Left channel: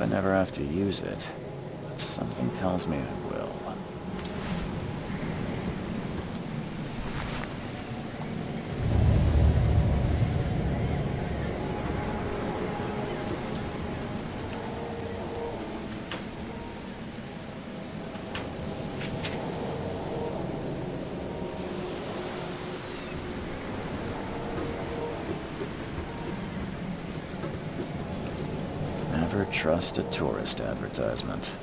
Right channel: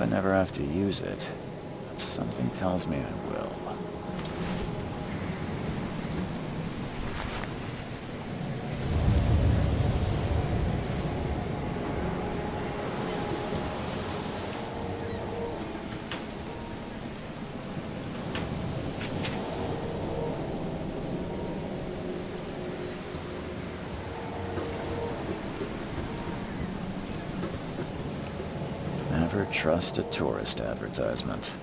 I never have to use it, but something tells me I will. Never trust a tourist advertisement.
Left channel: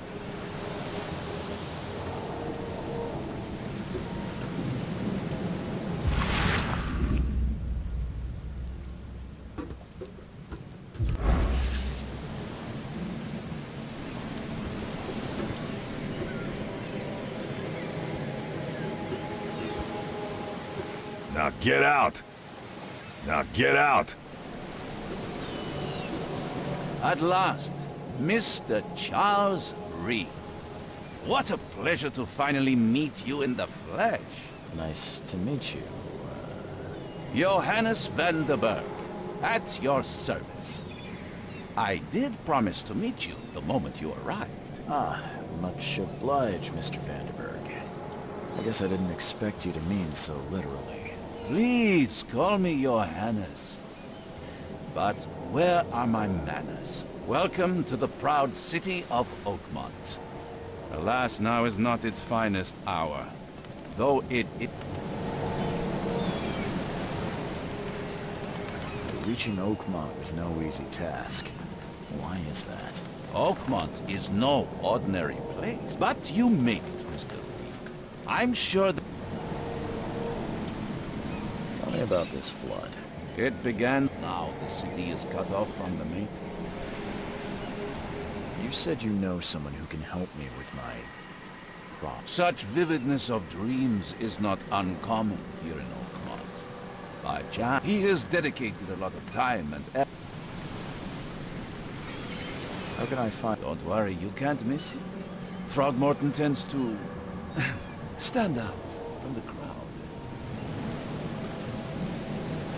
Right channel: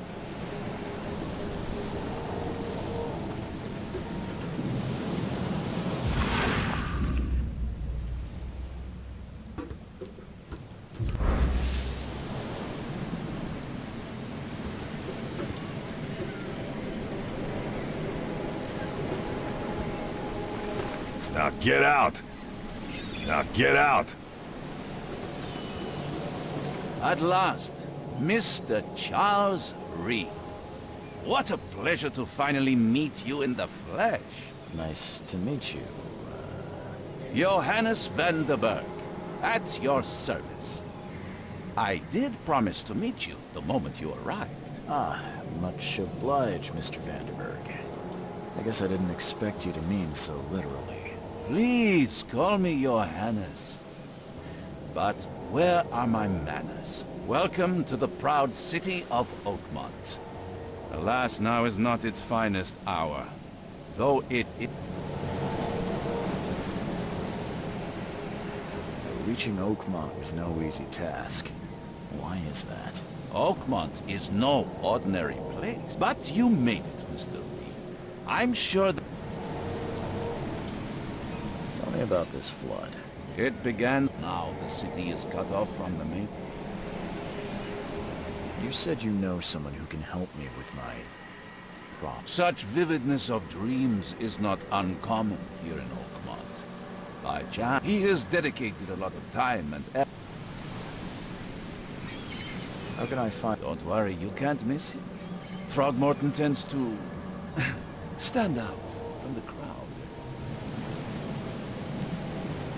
Now get out! Now get out! At last, Mr. Charles Reed. What a pleasure to finally meet you in the flesh. Nice to meet you. Johannes van der Berg, at your service. I did promise to meet you the moment you arrived. Ah, much obliged, Mr. Vanderberg. I guess I didn't expect you to mean so literally. Please call me Johannes. But where are my manners? Welcome to the proud city of Oakmont. Alas, now is not its finest hour, though it... Reaching Oakmont was no easy task. Why is that? Oakmont is no ordinary place. But you made it, Mr. Reed. I'm sure that... Tell me about this flood. It began... Now the city is cut off from the main... You said you know someone who can help me with my problem. Such vividness of dreams is not uncommon here in Oakmont. By chance, he has dedicated a lot of time and effort. How can I find... Don't worry, you can't miss him. Throgmorton tends to... stand out from the crowd.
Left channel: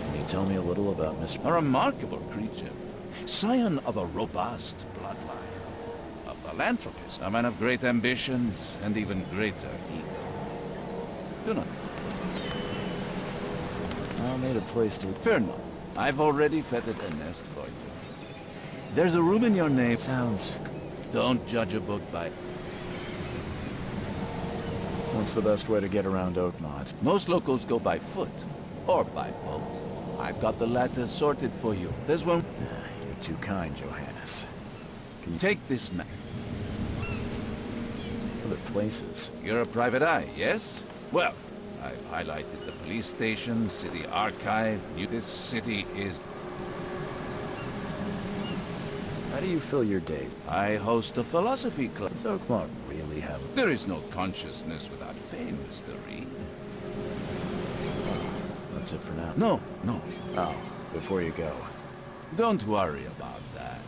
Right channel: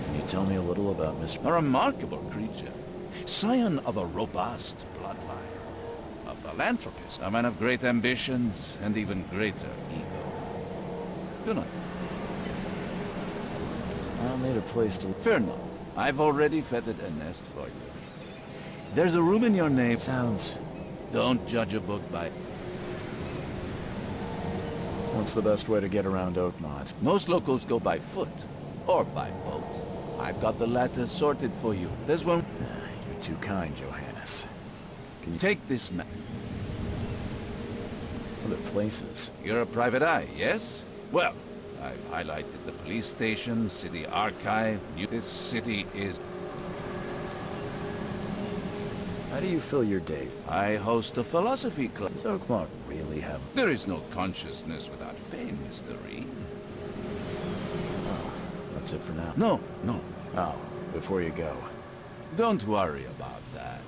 Can you tell me a little about Mr... A remarkable creature. Scion of a robust bloodline. A philanthropist. A man of great ambitions and even greater ego. Do not... I'll need a place to... Fear not. I've already feathered a nest for you. There's a room in your name. Sounds... Don't judge a book by... What's the best way to get around Oakmont? Most locals go by foot. Or by boat. I've got the latter sorted for you. There's one... You're too kind, Johannes. Can you... Take this map. Other places? You're a private eye, yes? Well, I've highlighted the police station, city archive. This city is... How do you fill your days? I host a philosophy club. Does Oakmont really have... There is no consciousness without pain, Mr. Reed. Oh, that's it for now? No, no. Oh, before you go. Don't worry about that.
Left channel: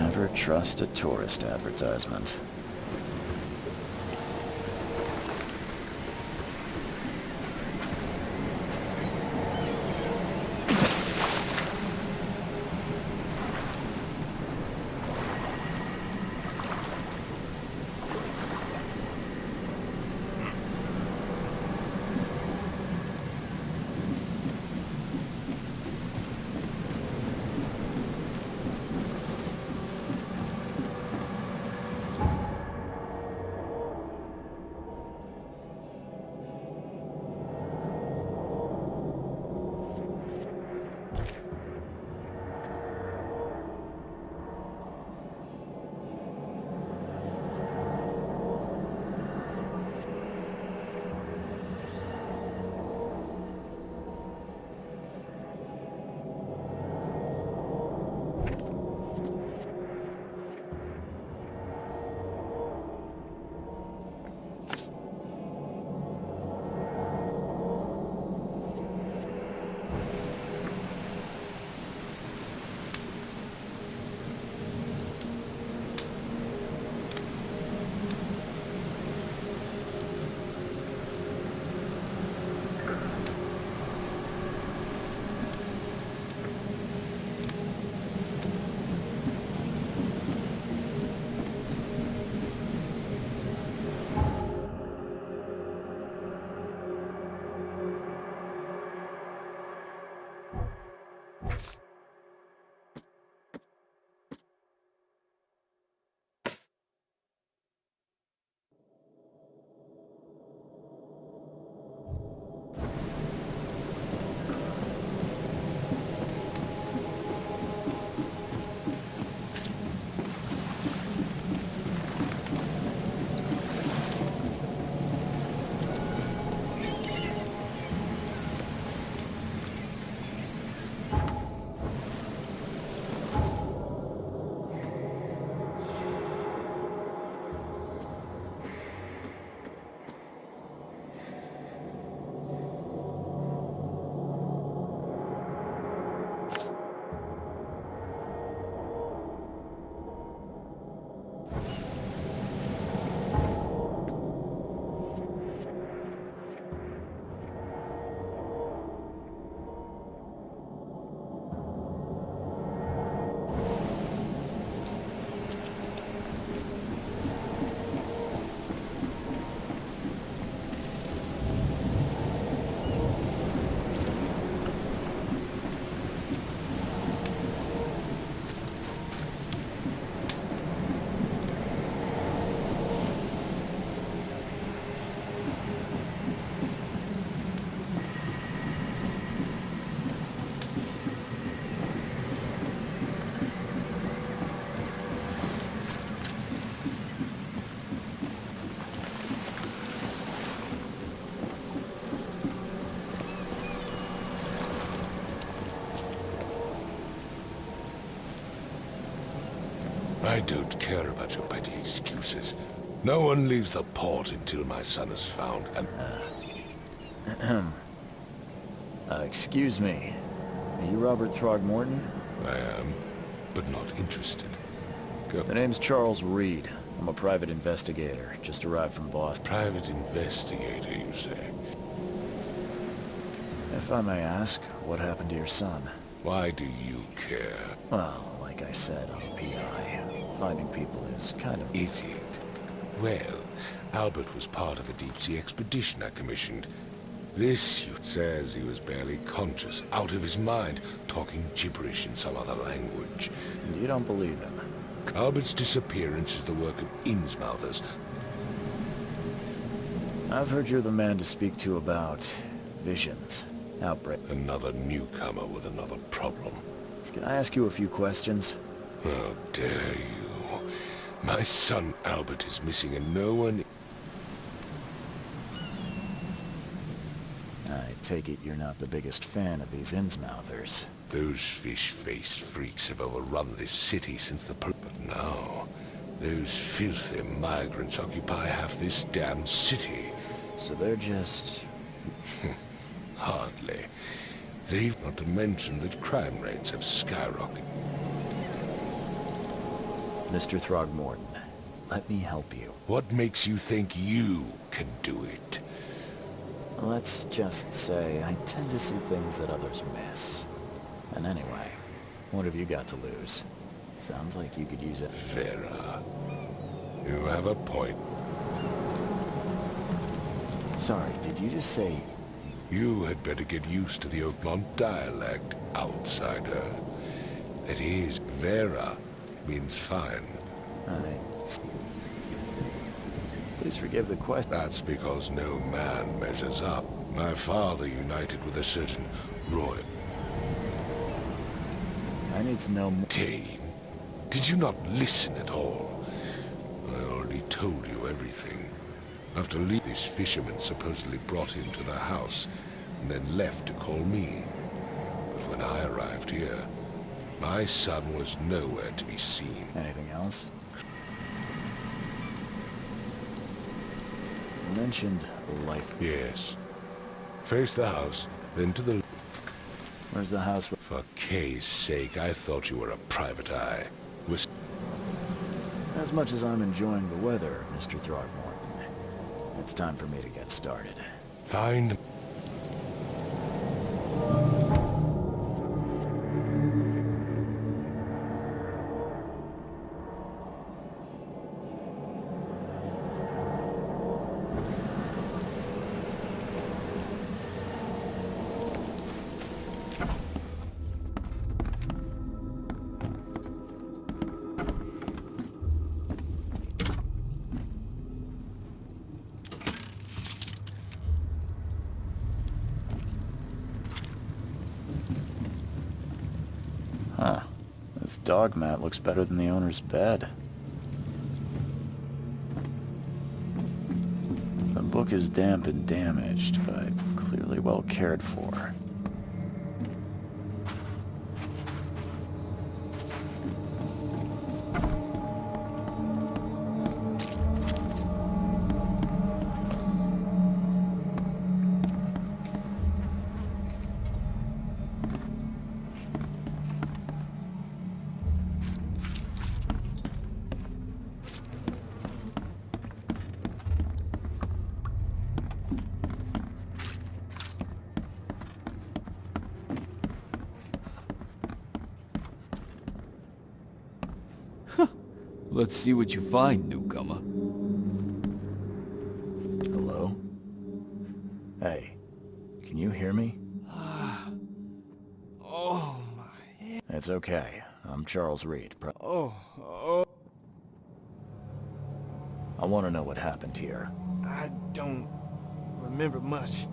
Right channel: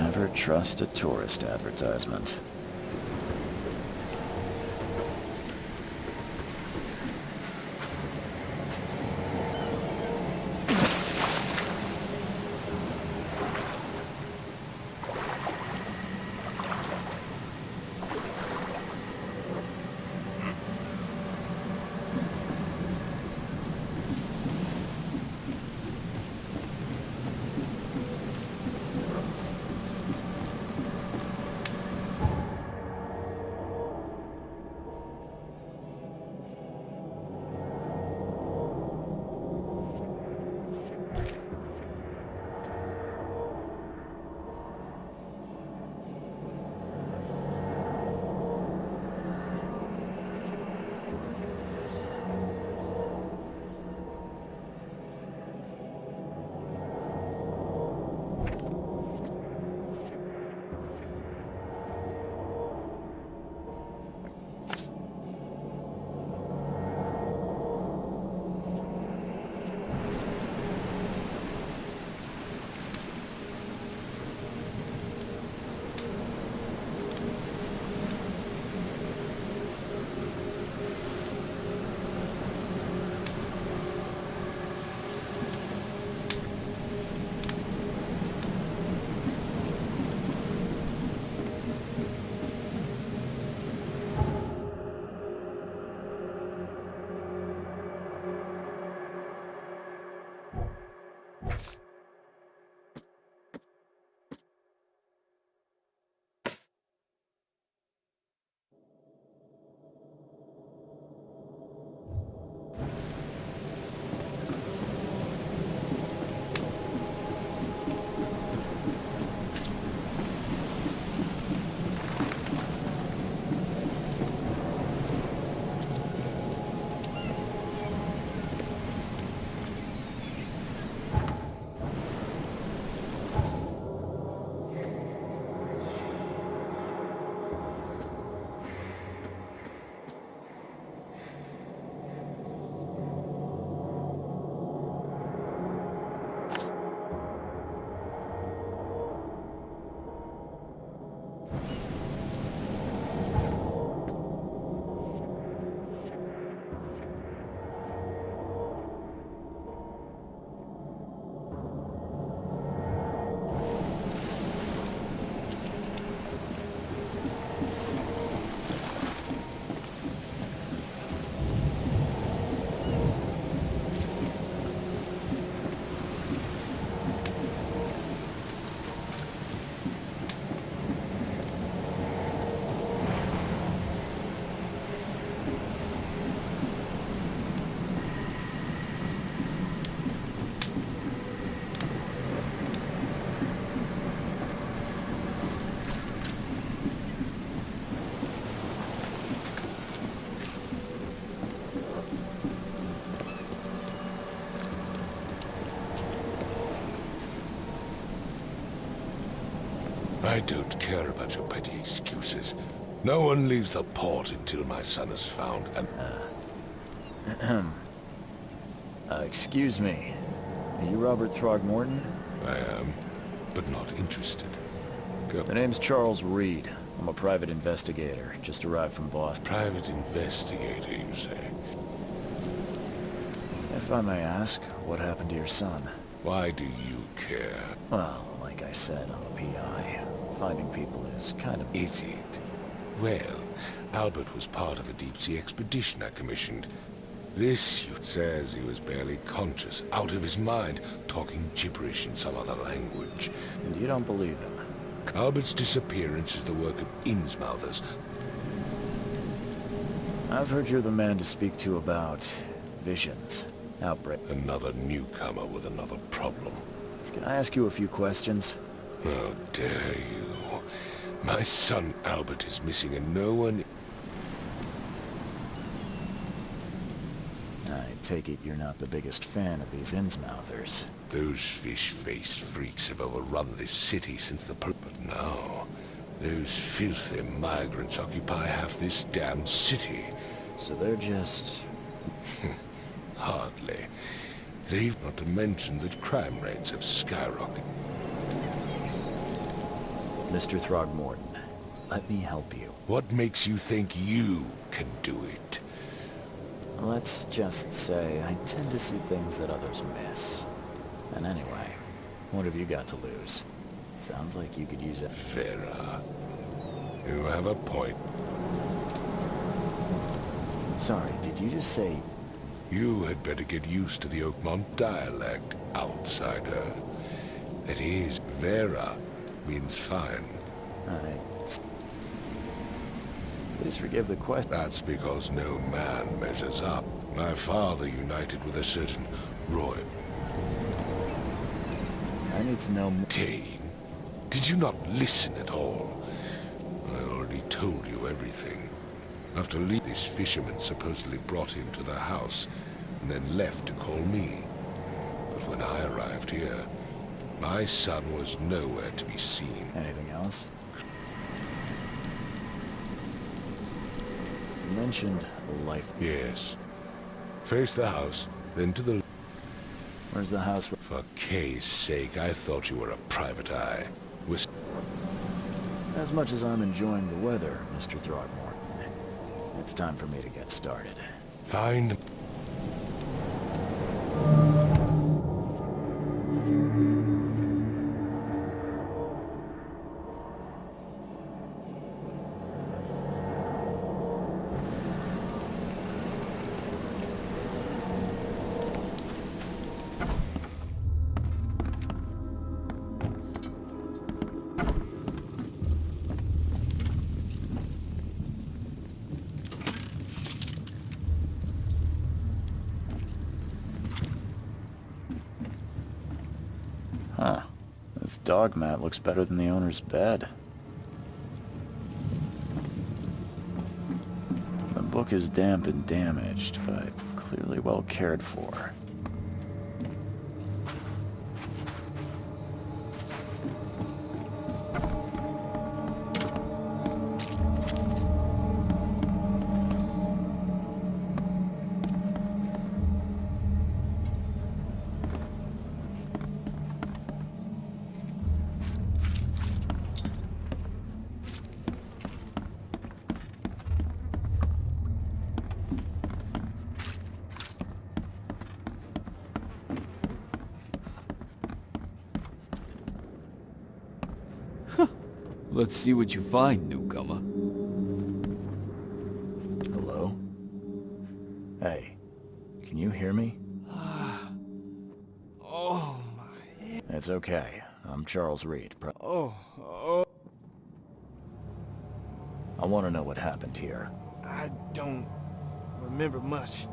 Never trust a tourist advertisement. I don't care about your petty excuses. No one leaves the port until my son is found and... Excuse me. Are you Robert Throgmorton? I am, but not interested. Go. The name's Charles Reed. I'm a private investigator. Just arrived from Boston. Private investigator, you say? If I may ask, what happened to your son? Why do you care? Well, like I said, I'm a PI. Finding people is kind of... Is it? Well, Albert was part of a deep-sea expedition I commissioned. This youth says he was barely conscious, out of his mind, talking gibberish in some other language. And you don't believe him? Albert's disappearance is the work of Innsmouthers. I've heard you're the man to speak to about visions, outbreak. Another newcomer with another problem. Can I ask you a few questions? How dare you? My son Albert is missing and no one... I take it you're not the biggest fan of these Innsmouthers. Those fish-faced freaks have overrun this city since the... But now, those filthy migrants occupy half this damn city. So they're just... Hardly. They've not to mention that crime rates have skyrocketed. Mr. Throgmorton, let me help you. What makes you think you can do it? Let's just say I tend to see things that others miss. And anyway, what have you got to lose? Sounds like you could use it. Vera, you have a point. Sorry, did you just say... You had better get used to the Oakmont dialect, outsider. That is, Vera means fine. Please forgive the question. That's because no man measures up. My father united with a certain royal... I need to know more. Tane, did you not listen at all? I already told you everything. After this fisherman supposedly brought him to the house, and then left to call me. But when I arrived here, my son was nowhere to be seen. Anything else? You mentioned life. Yes. Face the house, then to the... Where's the house? For Kay's sake, I thought you were a private eye. As much as I'm enjoying the weather, Mr. Throgmorton, it's time for me to get started. Fine. Huh. This dog mat looks better than the owner's bed. The book is damp and damaged, but clearly well cared for. Let's see what you find, newcomer. Hello? Hey, can you hear me? Oh, my head. It's okay. I'm Charles Reed. Oh, I want to know what happened here. I don't remember much.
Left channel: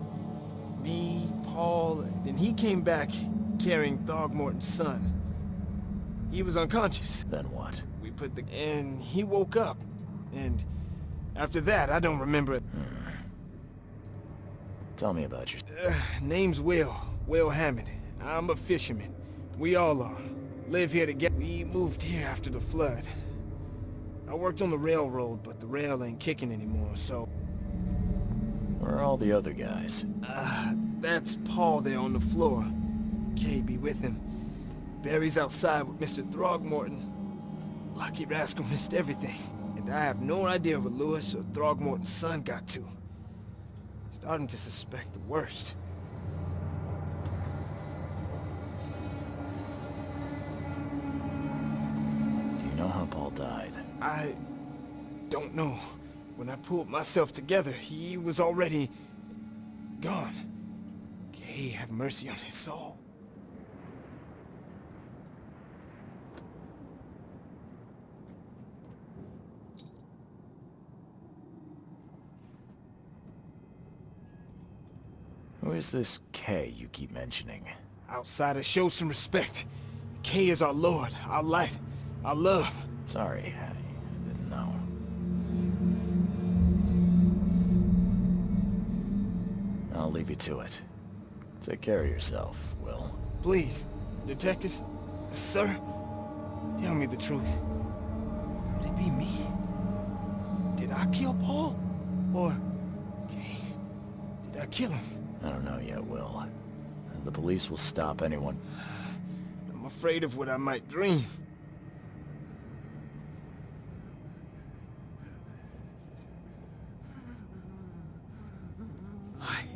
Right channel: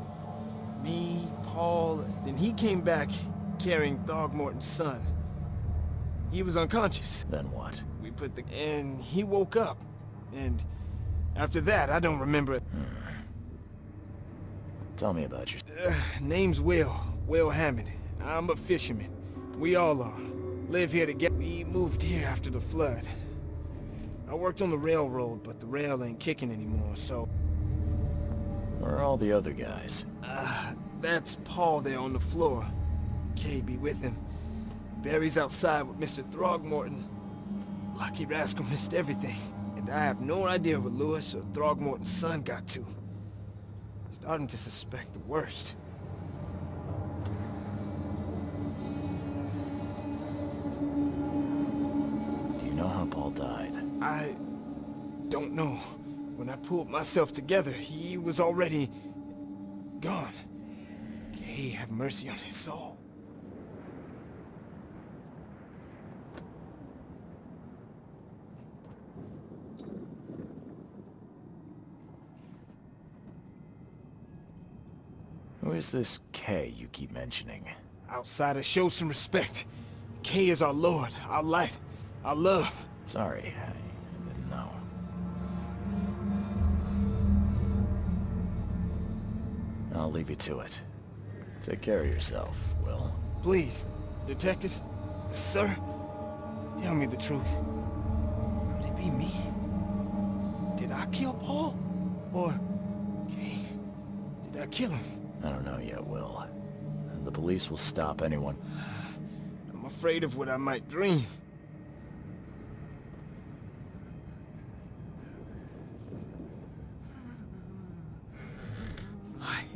Me, Paul, then he came back carrying Throgmorton's son. He was unconscious. Then what? We put the... and he woke up. And after that, I don't remember... Tell me about your... Name's Will Hammond. I'm a fisherman. We all are. Live here together. We moved here after the flood. I worked on the railroad, but the rail ain't kicking anymore, so... Where are all the other guys? That's Paul there on the floor. Kay be with him. Barry's outside with Mr. Throgmorton. Lucky rascal missed everything. And I have no idea what Lewis or Throgmorton's son got to. Starting to suspect the worst. Do you know how Paul died? I don't know. When I pulled myself together, he was already gone. Kay have mercy on his soul. Who is this K you keep mentioning? Outsiders, show some respect. Kay is our lord, our light, our love. Sorry, I didn't know. I'll leave you to it. Take care of yourself, Will. Please, detective, sir, tell me the truth. Could it be me? Did I kill Paul? Or, Kay, did I kill him? I don't know yet, Will. The police will stop anyone. I'm afraid of what I might dream.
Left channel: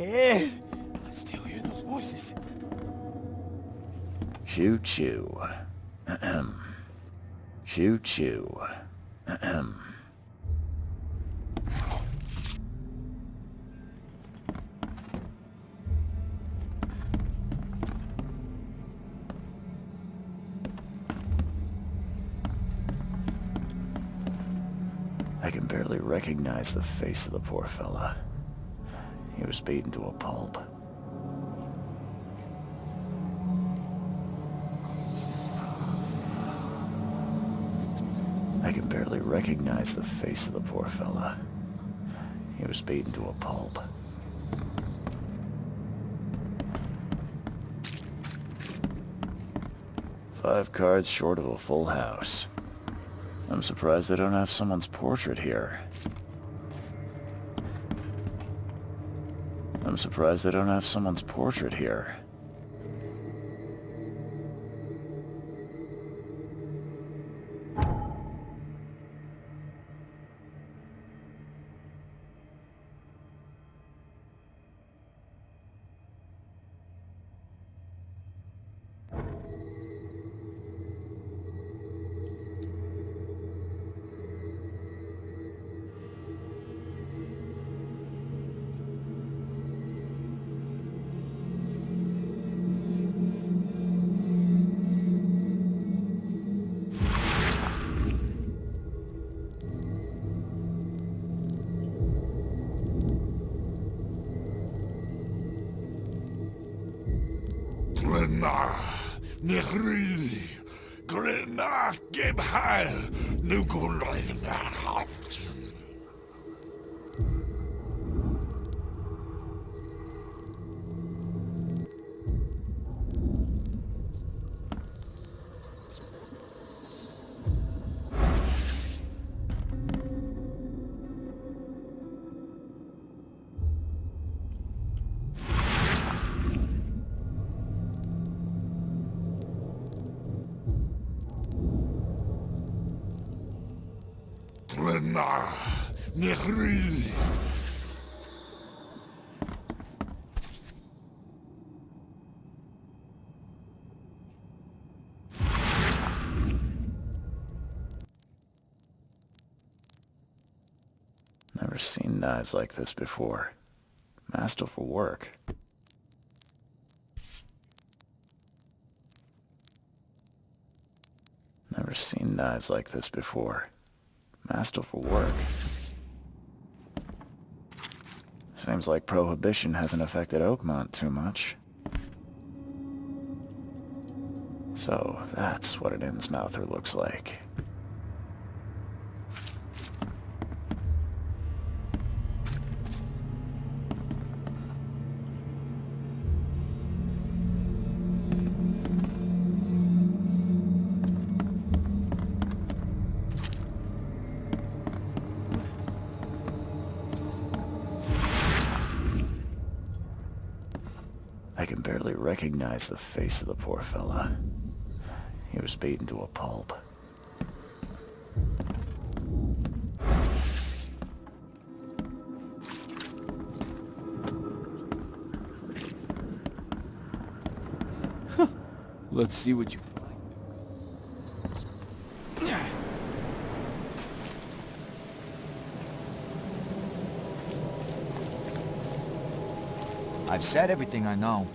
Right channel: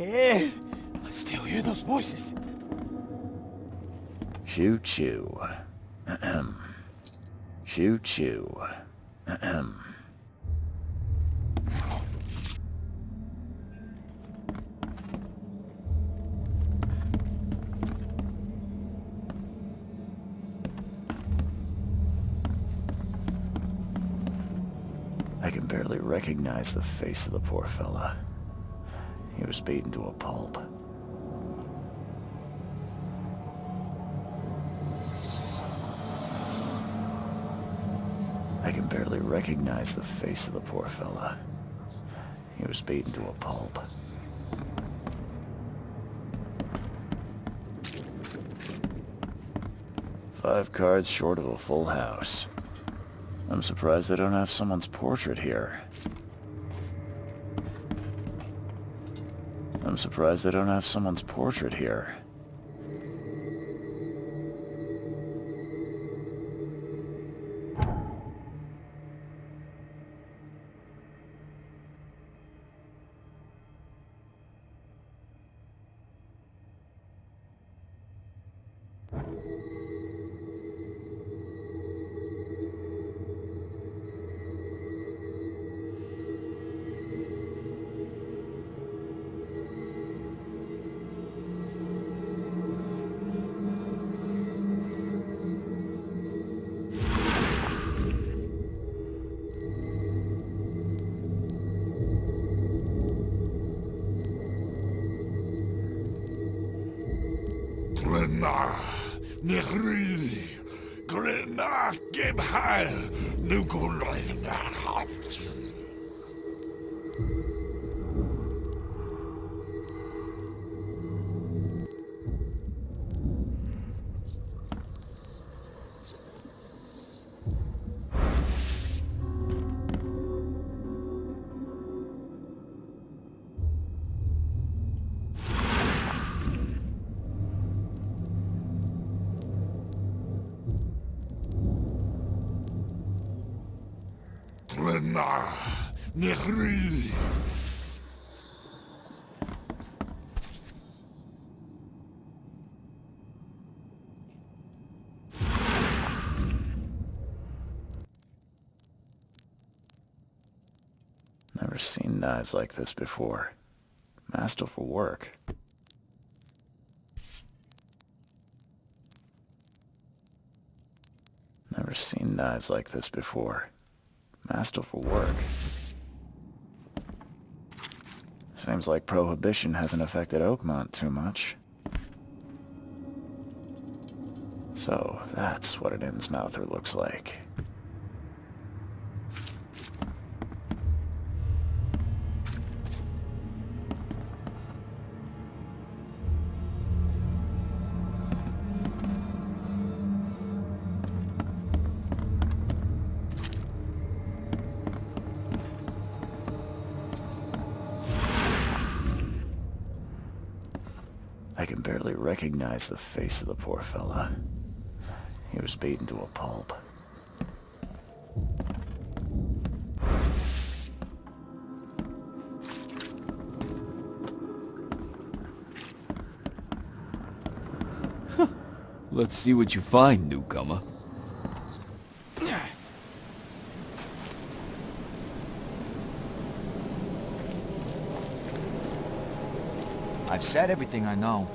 head. I still hear those voices. Choo choo. Ahem. Choo choo. Ahem. I can barely recognize the face of the poor fella. He was beaten to a pulp. I can barely recognize the face of the poor fella. He was beaten to a pulp. Five cards short of a full house. I'm surprised they don't have someone's portrait here. I'm surprised they don't have someone's portrait here. Glenna, Nehri, Glenna, Gebhal, Nugulayna, Haftin. Glenna, Nehri. Never seen knives like this before. Masterful work. Never seen knives like this before. Masterful work. Seems like Prohibition hasn't affected Oakmont too much. So, that's what an Innsmouther looks like. I can barely recognize the face of the poor fella. He was beaten to a pulp. Let's see what you find, newcomer. I've said everything I know.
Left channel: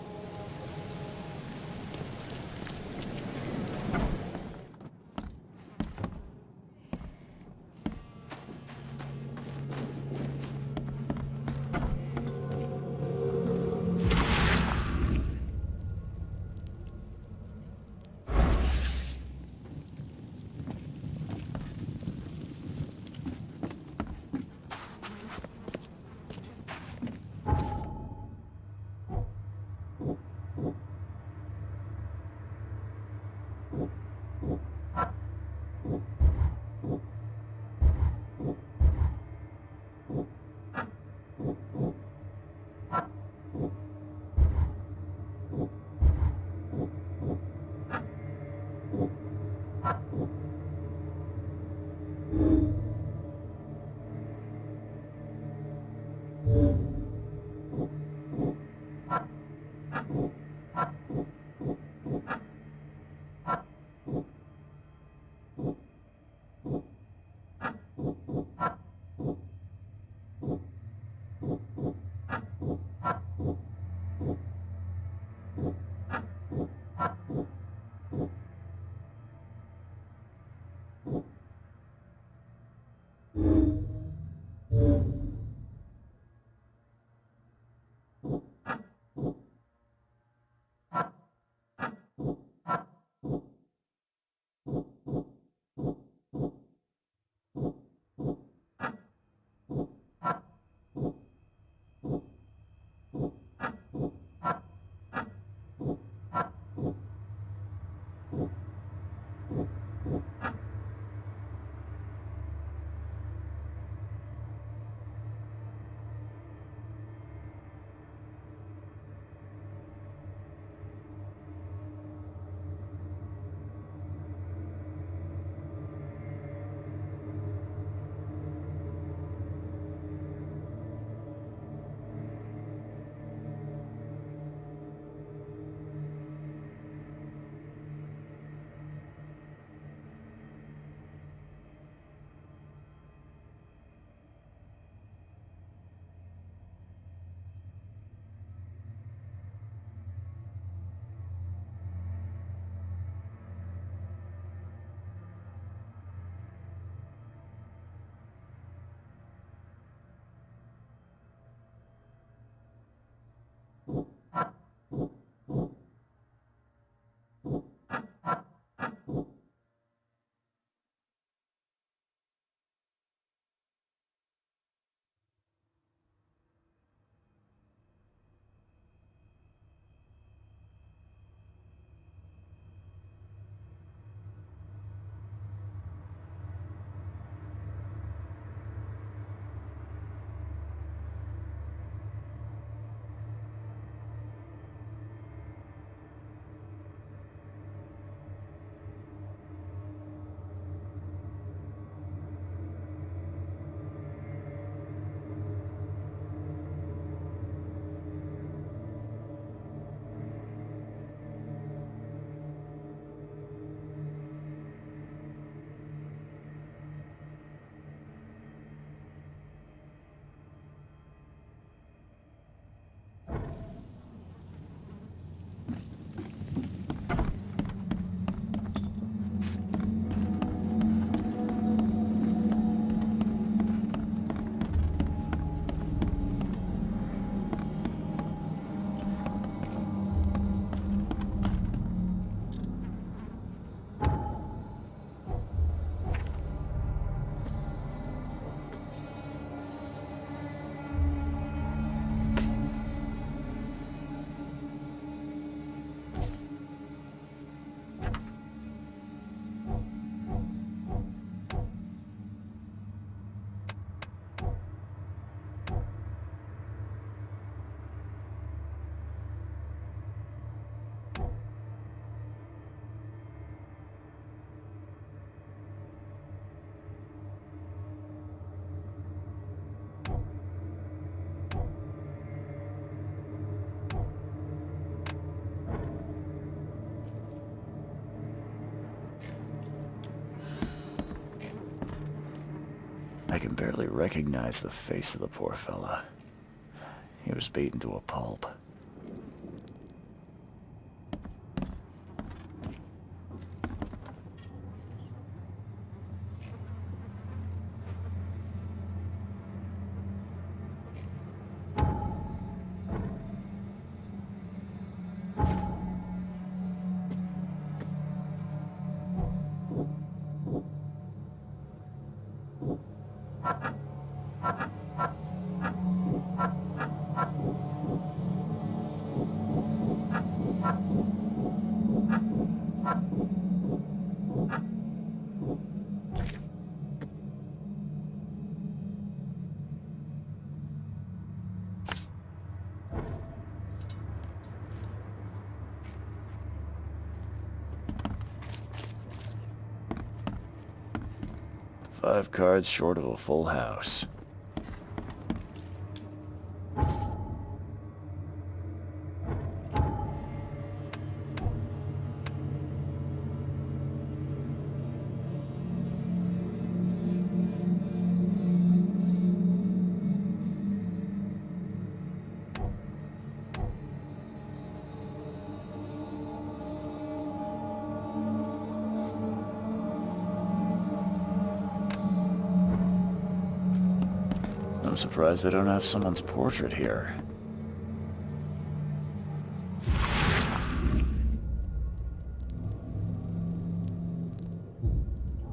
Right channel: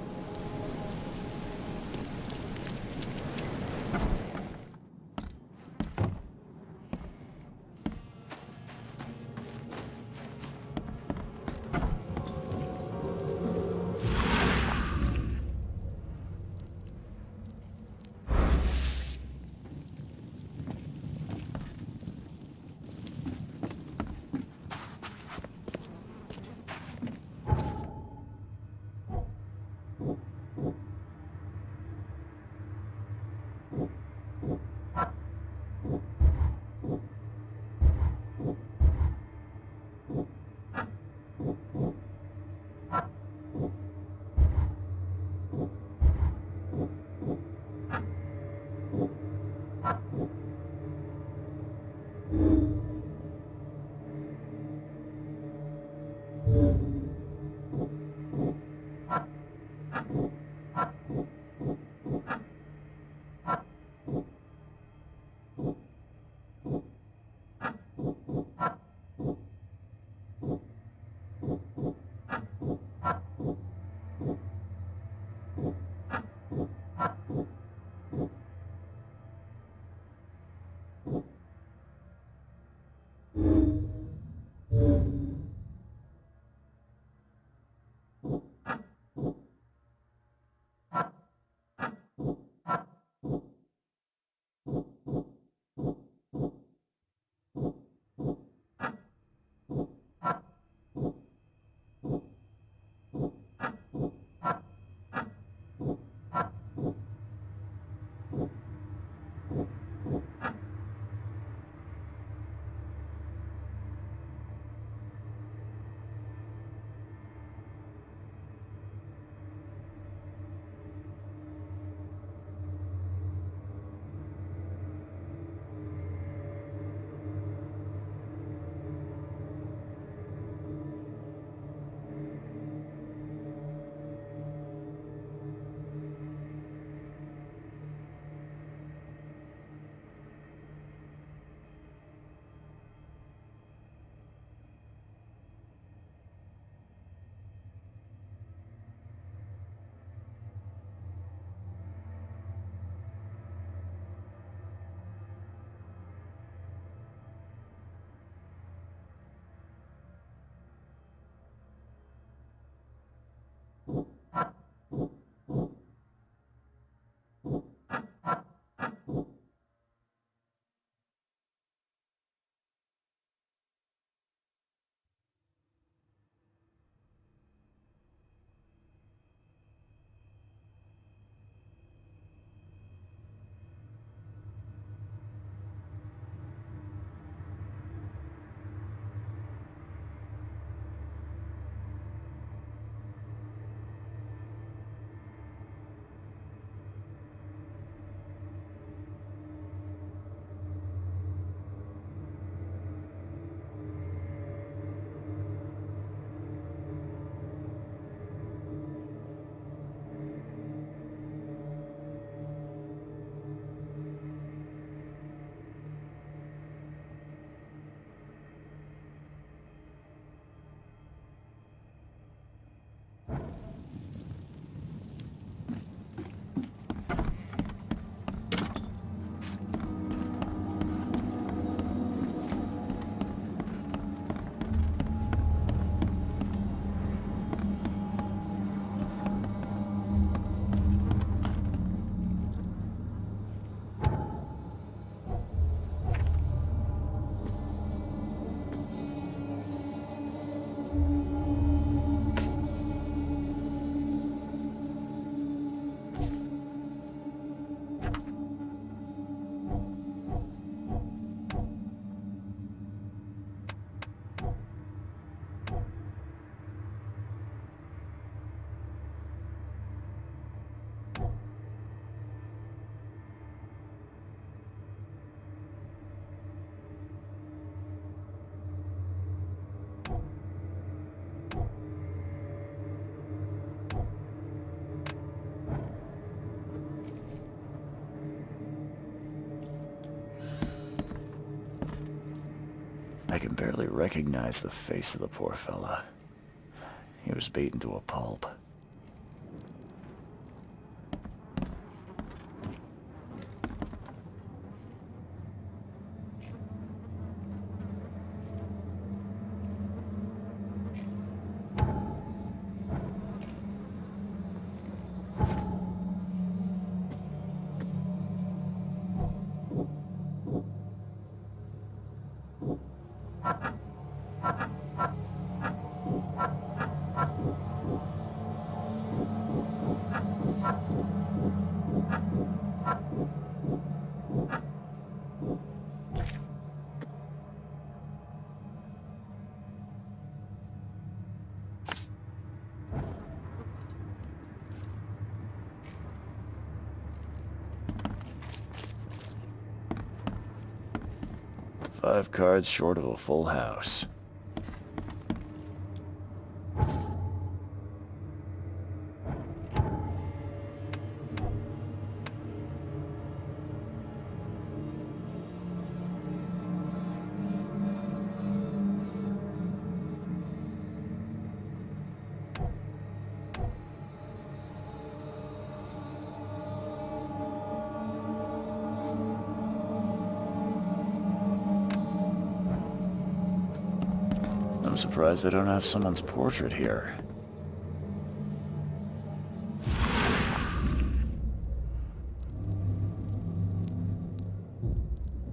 I can barely recognize the face of the poor fella. He was beaten to a pulp. Five cards short of a full house. I'm surprised they don't have someone's portrait here.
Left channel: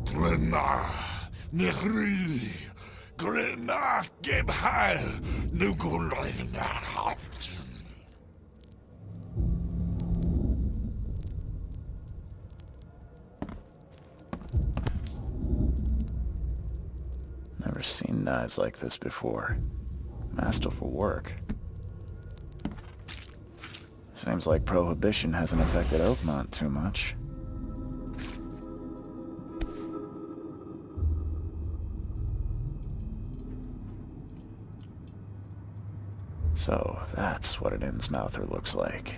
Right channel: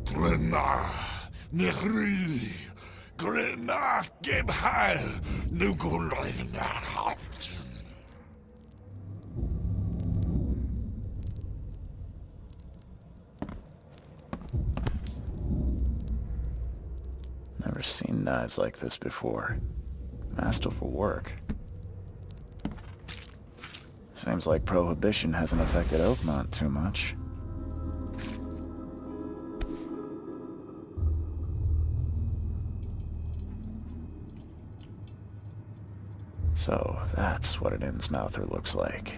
Grenna, Nehri, Grenna, Gebhal, Nugulina, Never seen knives like this before. Masterful work. Seems like Prohibition hasn't affected Oakmont too much. So, that's what an Innsmouther looks like.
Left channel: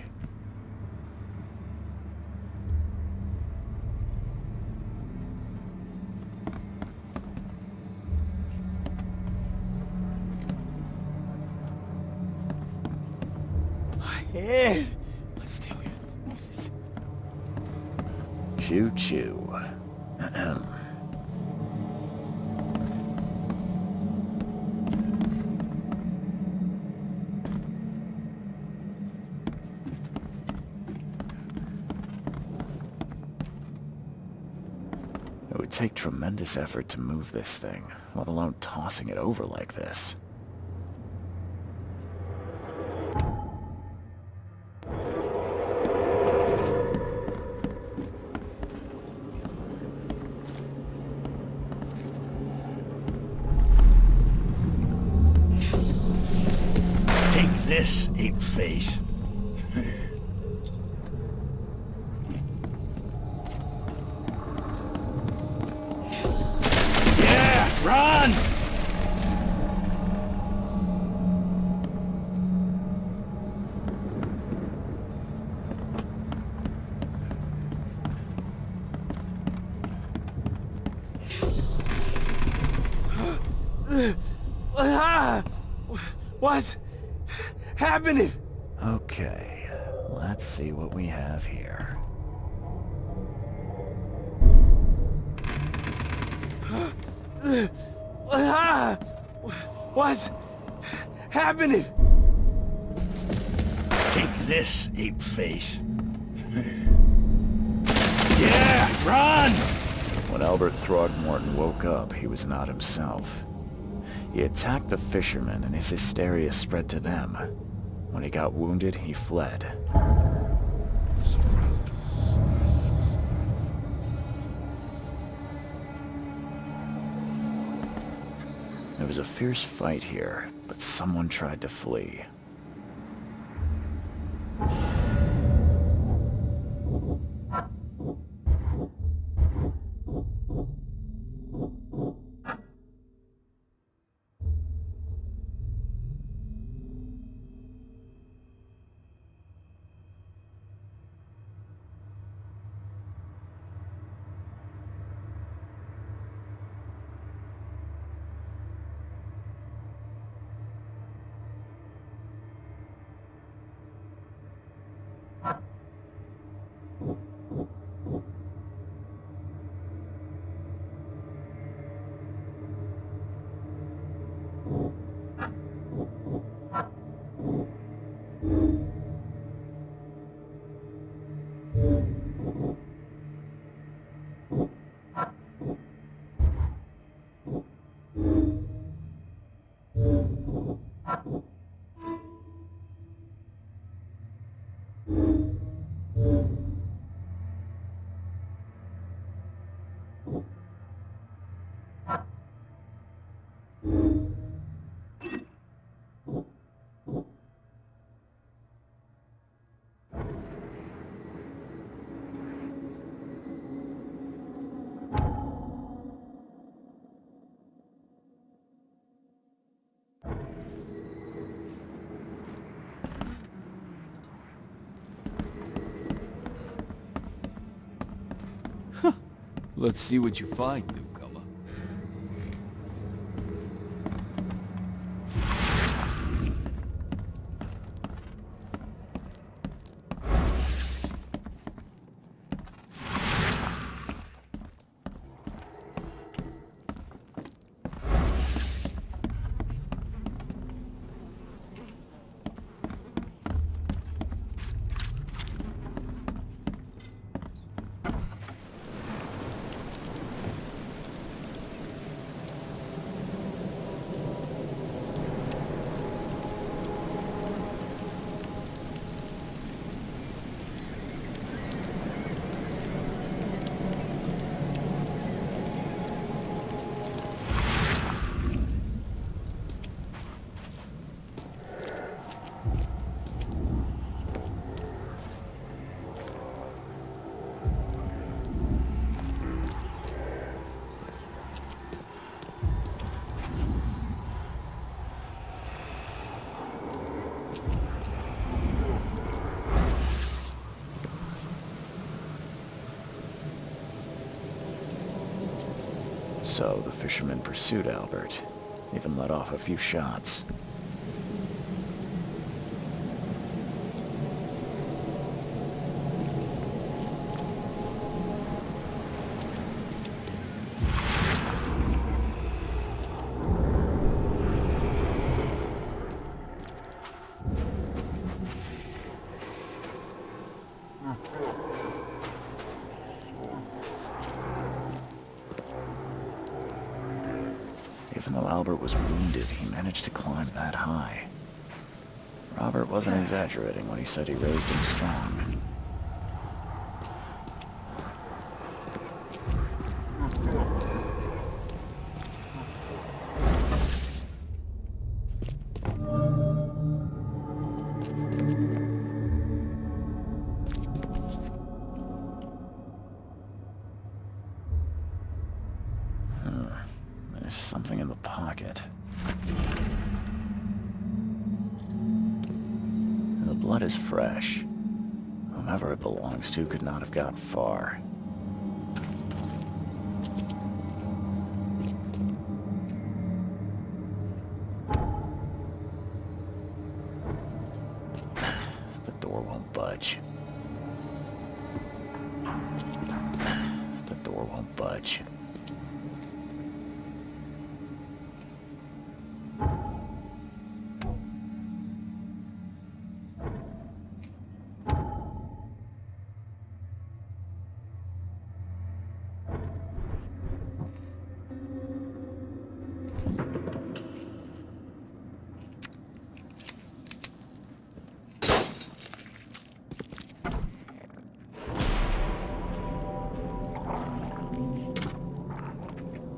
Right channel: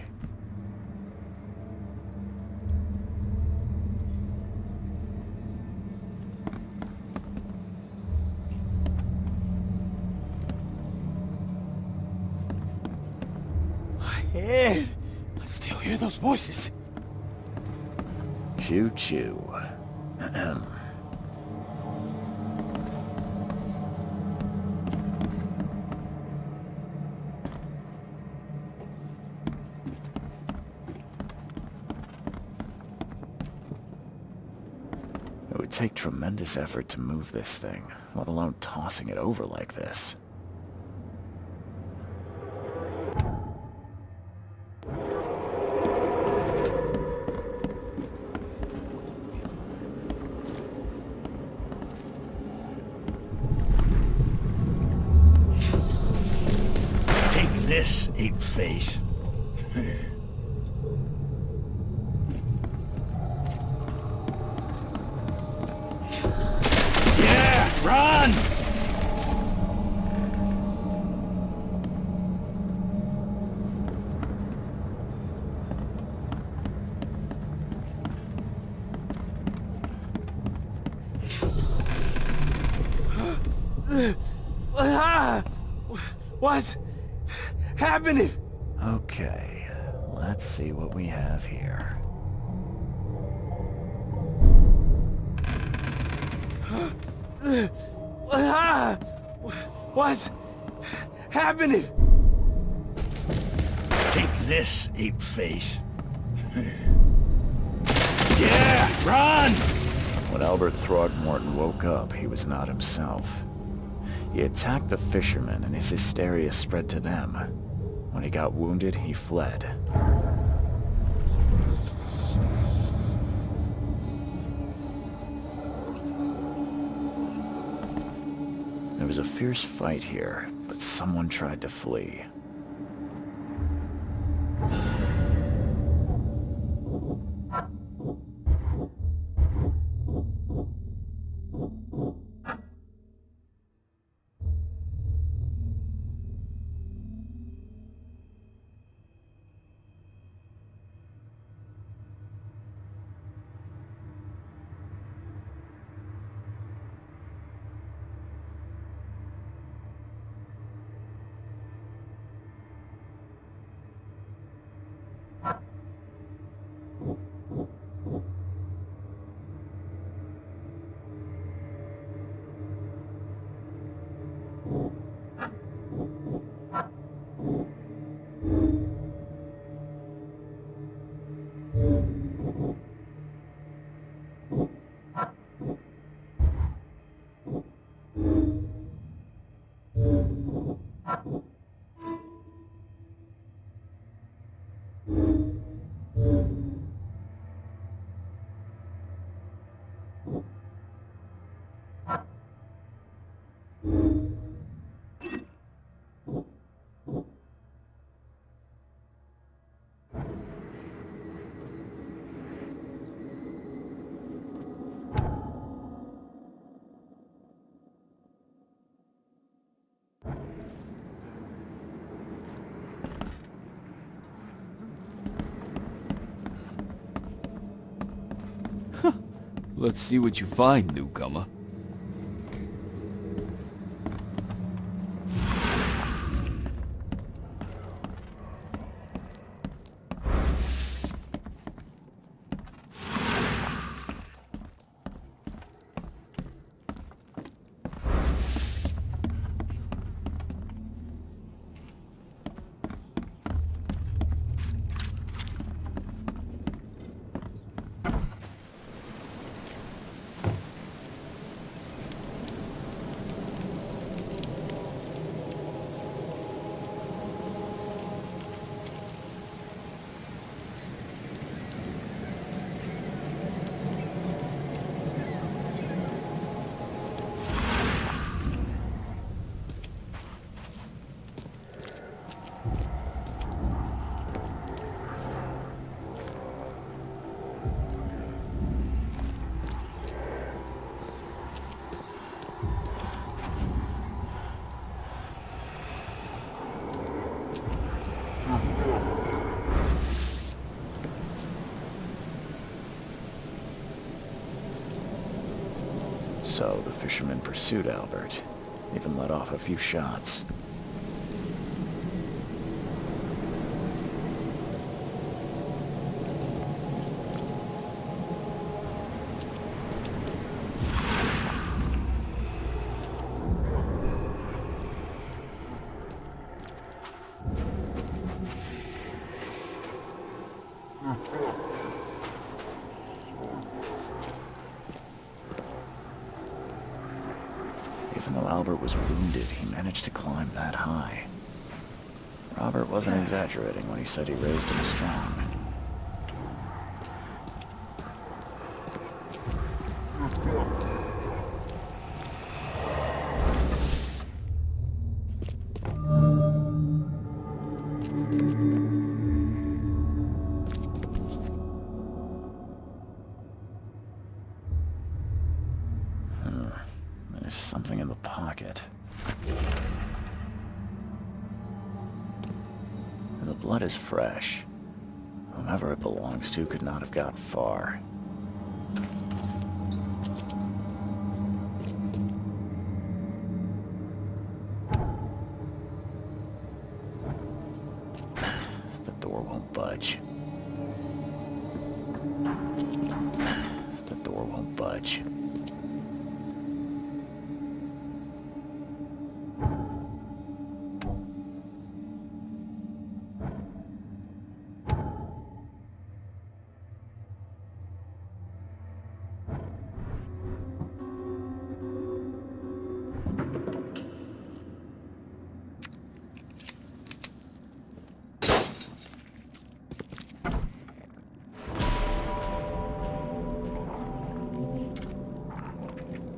Ed, I still hear those voices. Choo choo. It would take tremendous effort to move this thing, let alone tossing it over like this. Take this, ape-face. Yeah, run! What's happening? Okay, let's see what we have here. What's happening? Take this, ape-face. Yeah, run! When Albert Throgmorton woke up, he was not himself. He attacked the fishermen, and his hysteria spread to them. When he got wounded, he fled. There was a fierce fight here, but someone tried to flee. Let's see what you find, newcomer. So the fisherman pursued Albert, even let off a few shots. Even though Albert was wounded, he managed to climb that high. Robert wasn't exaggerating when he said he raised him strong. There's something in the pocket. And the blood is fresh. Whomever it belongs to could not have got far. The door won't budge. The door won't budge.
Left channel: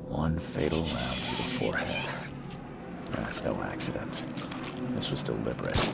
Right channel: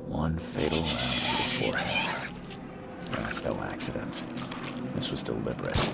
One fatal round to the forehead. That's no accident. This was deliberate.